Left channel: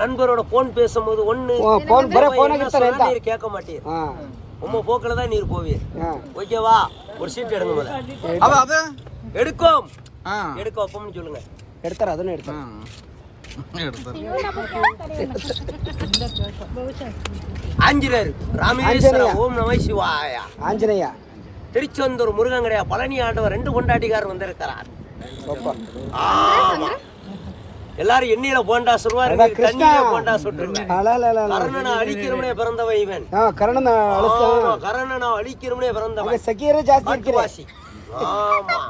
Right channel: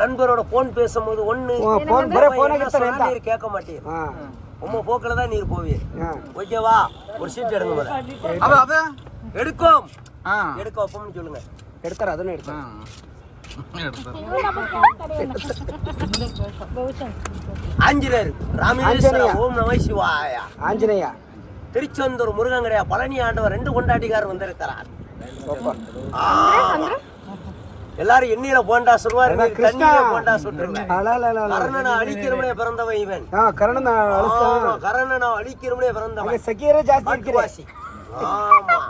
நண்பரோட போன் பேசும்போது ஒண்ணு நீர் கேட்க மாட்டீர், உங்க போக்குல தான் நீர் போவீர். ஓகேவா? ஒரு சீட் எடுங்க முதல்ல. எடுக்கும் அப்பம்னு சொல்லுங்க. எடுத்தார் அதுன்னு எடுத்தார். ஆஞ்சநேயர் ராமேஸ்வரம் ஓம் நம சிவாயா. ஆஞ்சநேயா திருச்செந்தூர் முருகன் கிடையா பழனி ஆண்டவர் 2 கொண்டாட்டிக்காரர் வந்திருக்கிறார். ஆமா, எல்லாரும் எண்ணெயில போண்டா சொல்வார், தண்ணியில போண்டா சொல்றேன். கர்ணனை அழிக்கிறவனே பிறந்தவன் இவன். கர்ணனை அழிக்கிறவனே பிறந்தவன் வாசி. ஆமா,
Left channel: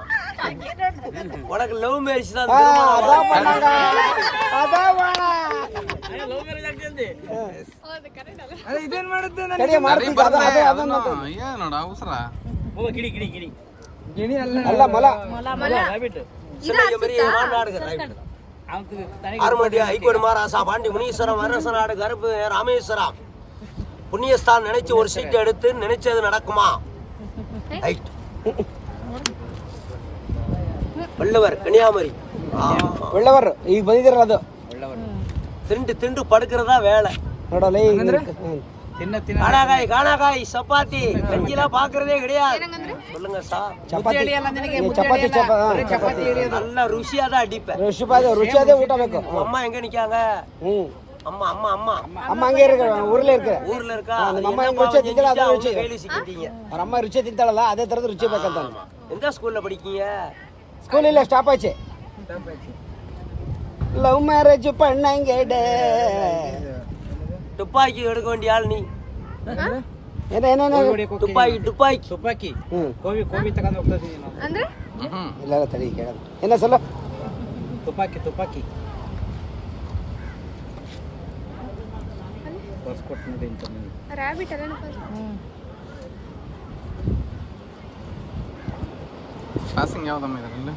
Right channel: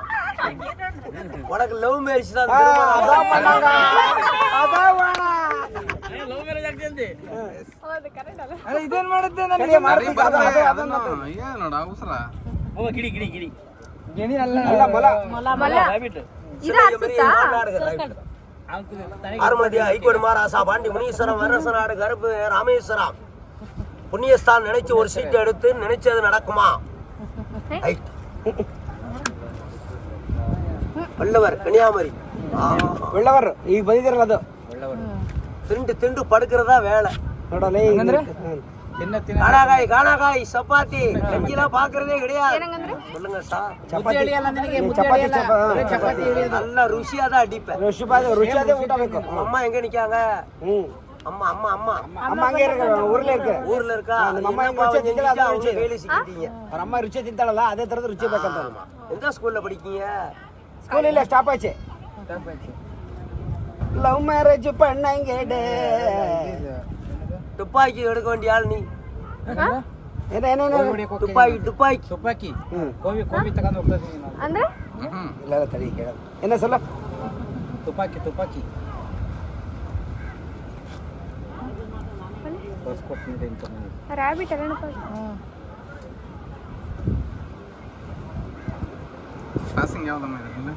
உனக்கு லவ் மேரேஜ் தான். பாண்டி முனீஸ்வரம் அரசநாடு கருப்பு ராமேஸ்வரம் புண்ணியஸ்தான் நினைச்சு ஒரு சீட் எடுத்து நினைச்சது நடக்குமா? வள்ளுவர் கன்னியாகுமரி. வள்ளுவர் திண்டு படுக்கிறதா வேலை. காணாகாய் சப்பாத்தி கஞ்சிலாம் பாக்குறதே கிடையாது. சொல்லுங்க சார், நல்லா ருசியா தான் அடிப்பேன். அம்மா எங்க நிக்காங்க? அம்மா அம்மா அம்மா அம்மா அங்க இருக்காங்க, ஊர்ல இருக்கா? அவங்க கையில சிக்கிட்டீங்க. அம்மா ருச்சியா திண்டாளா? அதே தரது ருச்சியா பார்க்கறதா. எந்த ஸ்கூல்ல படிக்கீங்க? ஸ்கூல்ல இல்ல, ஸ்டாப் ஆச்சு. லவ் மேரேஜ் பண்ணங்கடே. துப்பாக்கி எடுக்க வேண்டிய ஆள் நீ. துப்பாக்கி கோவி தக்காந்து உட்கார்ந்தீங்க ಅಂದ್ರೆ இல்ல தடி கேளு. என்ன சொல்ல? துப்பாக்கி ಪಾಸ್ಪೋರ್ಟ್ ನೋಡಿ ಅಂತ ರಾಬಿಟ್ ಅಲ್ಲ ಪಾಸಿಂಗ್ ಯಾವ್ದಮ್ಮ ಇದರಲ್ಲಿ?